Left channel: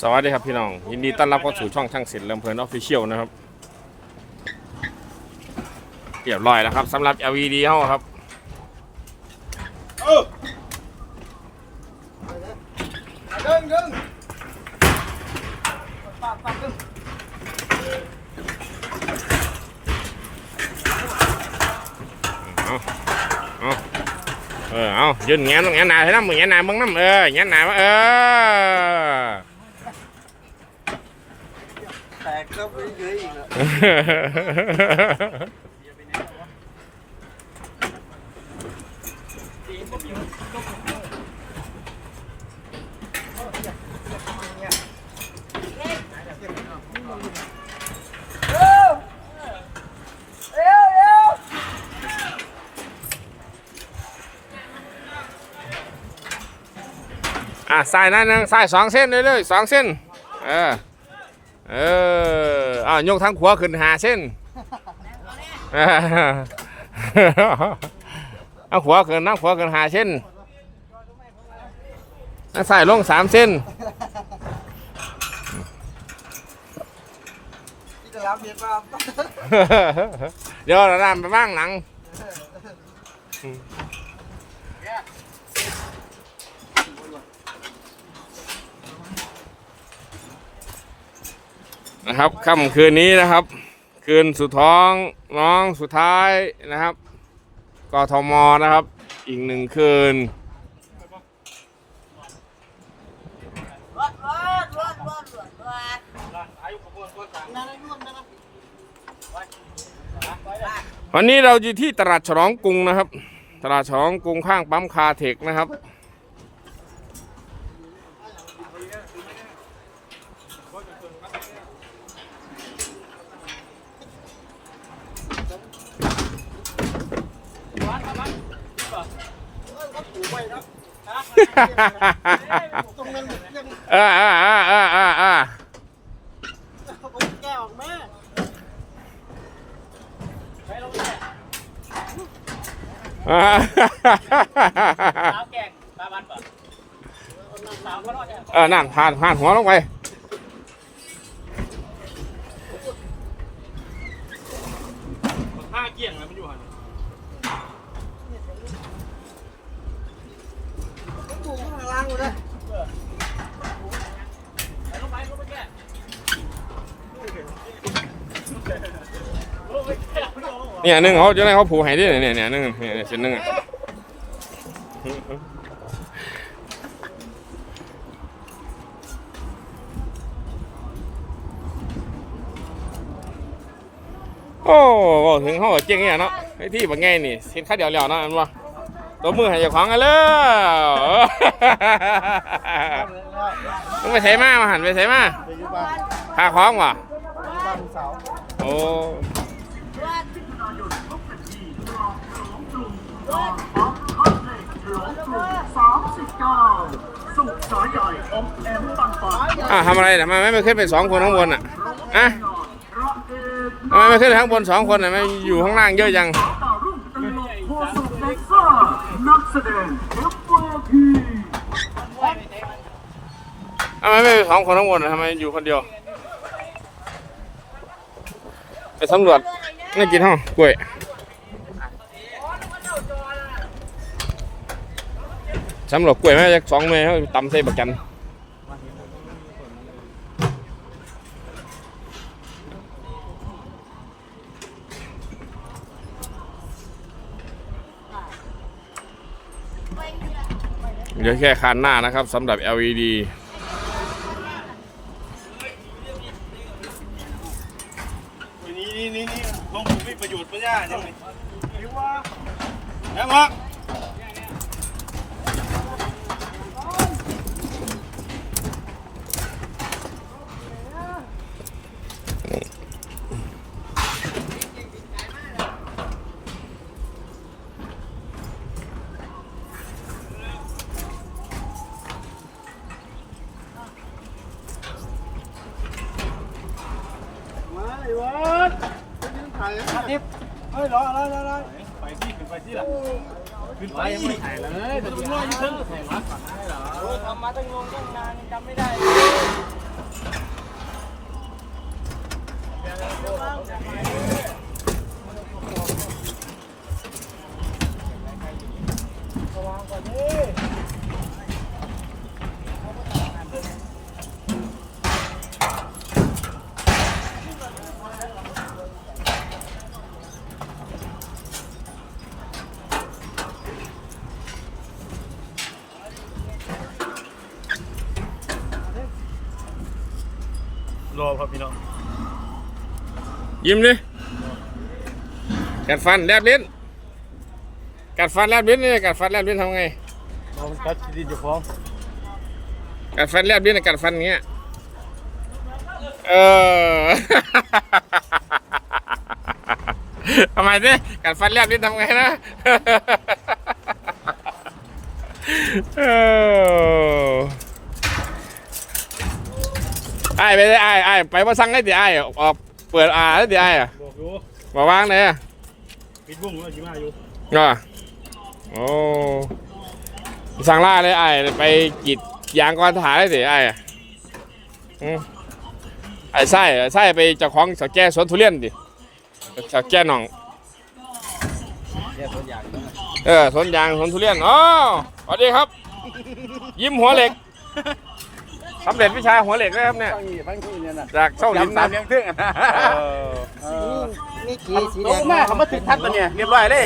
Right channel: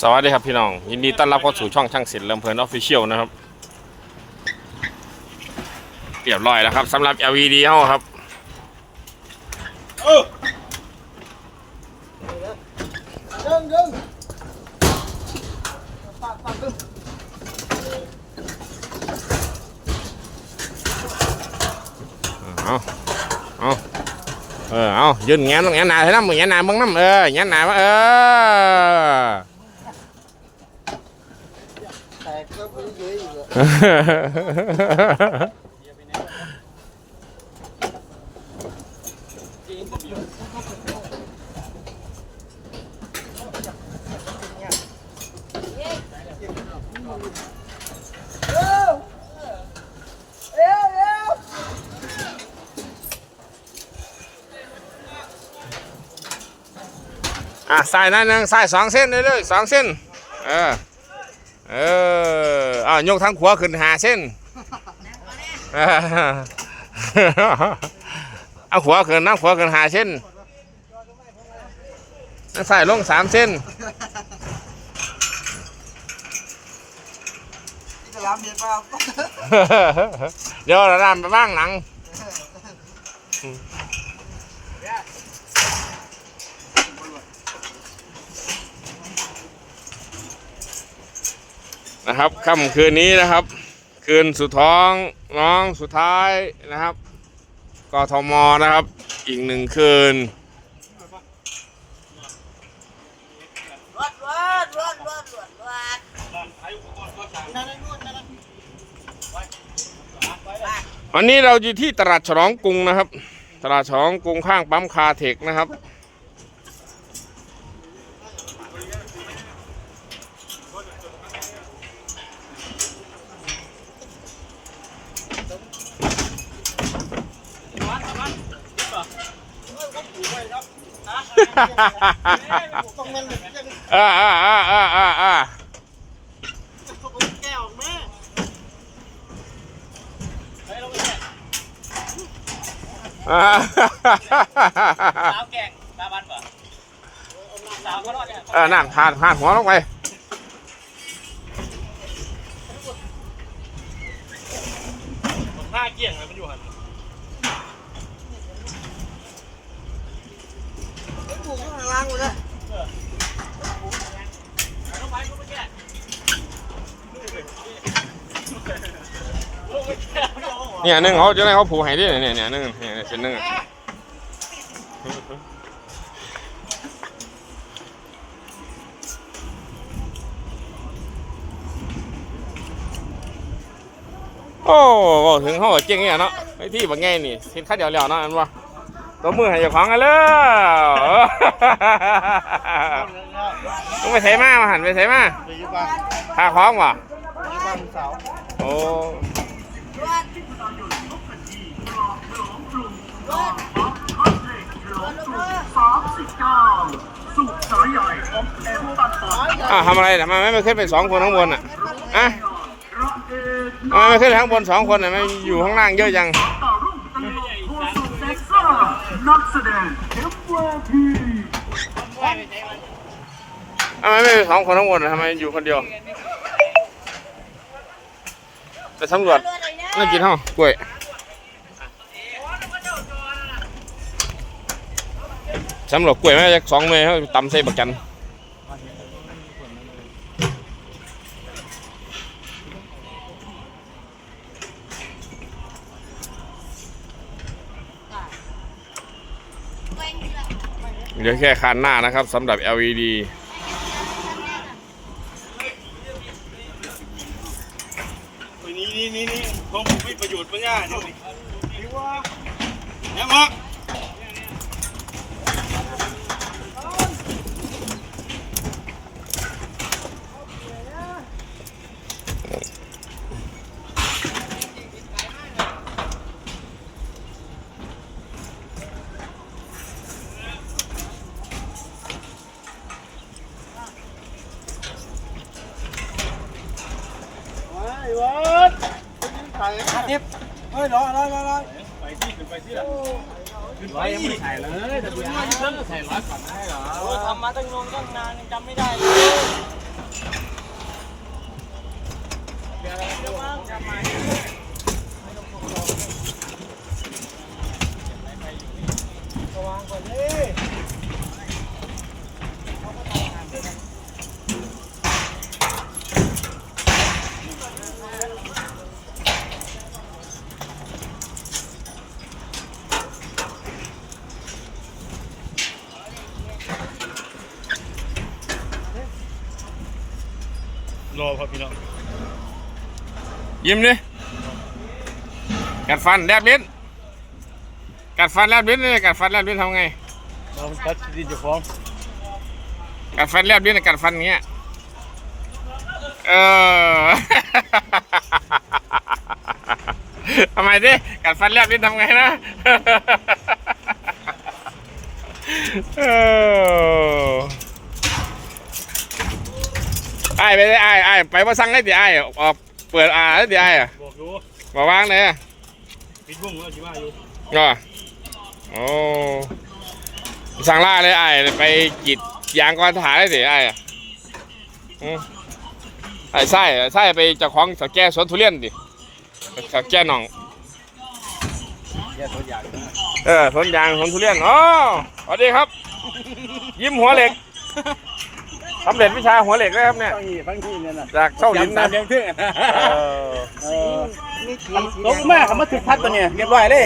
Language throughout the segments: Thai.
สวัสดีครับพี่น้อง ยินดีต้อนรับเข้าสู่ช่องช่างศิลป์ลำเพลินออฟฟิเชียลนะครับเรียบร้อยแล้วครับสำหรับ LED เฮาครับเดินยิงเอาเอาเออเอายืนแงนแงนหนาให้น้ำแงนหนาเบิ่งน้ำเออแงนหนามาเออ แตกก็ไปเยอะอีกแล้วอะสายนั่นนึงสายสองเส้นเรื่อยสองเส้นเออายกทั้งขวาขึ้นหาเส้นเออเอาขวาขึ้นนั่งขวาขึ้นหาเส้นนั่งสายลงสามเส้นที่จะรับเมียป้าเดี๋ยวเราดามไปบ้างหลัง นะครับค่ำคืนนี้นะครับ คืนสุดท้องน้องสุดท้ายนะครับกทมนะครับ อีกหนึ่งคืนวันนี้เราอยู่ที่ตลาดฉลองกรุงนะครับ ตลาดฉลองกรุงข้างปั๊มคาเทคนะครับ ต้องมันยังเออเออเออเออเออเออแก้วแม่เออสาวแกงตาบันปะสาวก็รอดเนี่ยเออนั่นผ่านผ่านหัวลงไปหน้าเกี่ยงนะมันอยู่หัน ไอ้ปู่ข้างล่างเลยนะ ลงไปลงไปแก่ เนี่ยหนึ่งเขาจะได้เขาผูกให้ด้วยเนี่ยเนี่ยหนึ่งเนี่ยเนี่ยเส้นหนึ่งอะโอ้บอกถึงเขาก็เจ๊งเนี่ยเนาะไอ้ที่บางไงนี่เห็นข้าเดียวๆเนาะอันวะตัวมือให้เจ้าของกันเลยต้องไปใส่มามาหันไปใส่มาไปอยู่บ้านพาคล้องวะไปอยู่บ้านสาวโอ้รวดรวดรวดรวดอ้าวทำอะไรทำไมไม่ขึ้นเป็นสองคนข้างบนอะอะทำไมไม่ขึ้นข้างบนสองคนอะไม่อยู่ข้างล่างเยอะจังทำไมไม่เป็นสองคนข้างบนอะทำไมอยู่คนเดียวไปสำรวจ น่ากินห้องกล้วยสำหรวจกล้วยไหมจะสองเมย์เขาตำใส่บักจันเหลือแค่คานหน้านะครับสำหรับ LED นี่นี่นี่นี่ผมมีประโยชน์ปัญญาใช่ไหม ยังครับไอ้ ขึ้นไปยังไม่ถ่ายเลยแต่ดูง่อยเพิ่มเสร็จแล้วโอทำมาตั้งนงตั้งนานจำไม่ได้เลยระวังก่อนเด้ ครับพี่น้องยิ้มดิกัดฟันแลบลิ้นกัดฟันแลบลิ้นเลยกัดฟันแลบลิ้นทำไงรอมันตัดดินจะฟ้องกัดฟันแลบลิ้นกัดฟันอย่างเงี้ยเออทำไมดิกัดฟันแลบลิ้นทำไงนะเออ อ้ายไปได้ไอ้ไอ้ายไปว่าสั่งได้ดิไอ้ายออกเปิดอ่าได้ดิไอ้ายอะบอกอยู่มาวางเลยอะปิดบุ้งแล้วชิมาอยู่อะโอ้สั่งล่าเลยไอ้ายไปกรีดยางก่อนถ่ายได้ดิไอ้ายอะอืมไอ้ไส้ไอ้ไส้ไปเจ้าของสาวแก่สวนทุเรียนดิสาวแก่หนองเนี่ยตัวอย่างนะเออสวนยางสวนทุเรียนอ๋อสวัสดีครับ ยิ้มหัวเหล็ก สำเร็จวิชาหัวเหล็กแล้วครับเนี่ย ฟังนี่ฟังที่เนี่ยนะจากเส้าลิ้นนะเลี้ยงทึ่งเออเออมีขีสีแดงมาคำว่าถึกทัดตัวเนี่ยเรียบร้อยเลย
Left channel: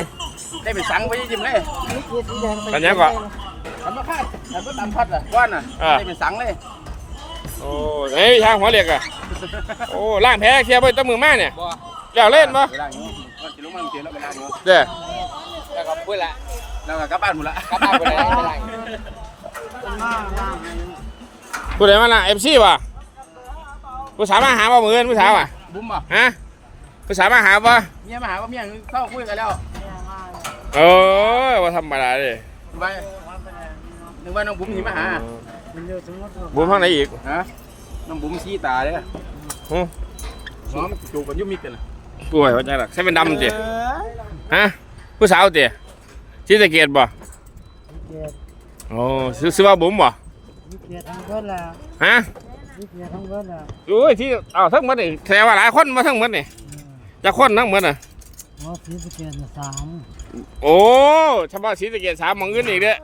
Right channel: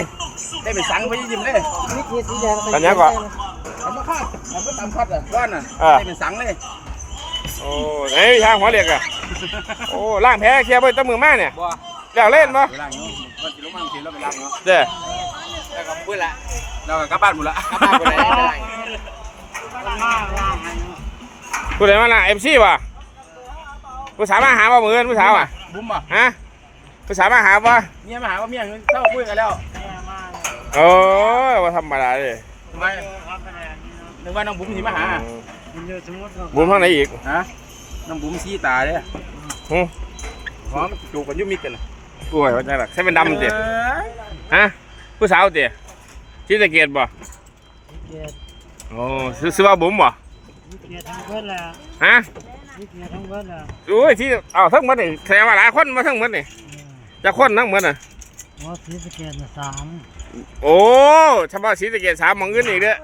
ได้เป็นสังไปยิ้มเลยมีขีสีแดงอันนี้ก่อนคำว่าคาดคำว่าตามคัดอะว่านอะอ่า ได้เป็นสังเลยโอ้ไหนวิชาหัวเหล็กอะโอ้ล่างแพ้เคลียร์ไปตั้งมือมาเนี่ยบ่แล้วเล่นปะเวลาอยู่มันจะลงมาเสียแล้วเวลาอยู่เด้อแล้วก็พูดละเราก็กลับบ้านหมดละกลับบ้านหมดละ ผู้ใดมาล่ะเอฟซีวะผู้สาวมาหาบ่มืออนผู้สาวอะบุ้มอะฮะผู้สาวมาหาบ่เมียมาหาว่าเมียเข้าคุยกันแล้วโอ้ยว่าธรรมดาเลยไม่นึกว่าน้องบุ้มสิมาหาบุญข้างไหนอีกฮะน้องบุ้มซีตาเด้อหึหอมจูบกันยุ่มิดกันนะป่วยว่าจังหรอใช่เป็นดำจิฮะผู้สาวจิที่ตะเกียบบ่โอ้ซื้อซื้อว่าบุ๋มบ่ เกียร์ทั้งเบิดแล้วฮะมีเกียร์ทั้งเบิดแล้วโอ้ยที่เอาทั้งหมดนี่แถวว่าหลายคนมาทั้งหมดนี่จะคนทั้งหมดน่ะหัวสีสเกียร์สามโอ้เฉพาะสีตะเกียบสามหมองอื่นอีกเด้อ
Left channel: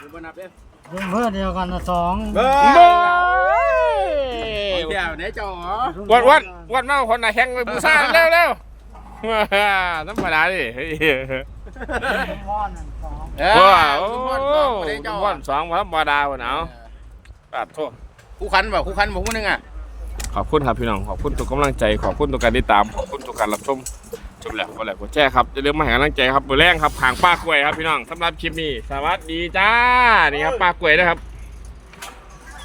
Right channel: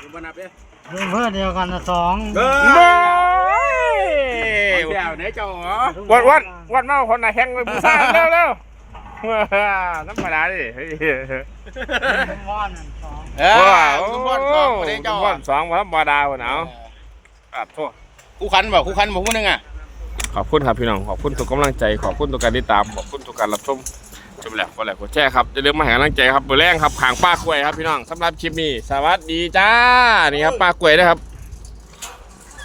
ดูบ้านนับเด้อรวมเพื่อเดียวกันสองเบ้เบ้ยยเดี๋ยวไหนจอเหรอวัดวัดวัดมาคนน่ะแข่งไปบูซ่าเร็วเร็วว้าน้ำผาดิเฮ้ยม้อนสองว้าวโอ้คุทุกวันสองวันบาดาวหนา วปัดโทษคู่คันบ่คู่คันบ่คู่นึงอะขอบคุณครับพี่น้องขอบคุณทุกกำลังใจขอบคุณทุกการติดตามขอบคุณทุกการรับชมชมแล้วก็แล้วก็แช่ครับอย่าลืมมาให้กำลังใจครับเบอร์แรงครับผางป้ากล้วยครับพี่น้องสำหรับคลิปนี้สวัสดีจ้านี่ครับป้ากล้วยนะครับ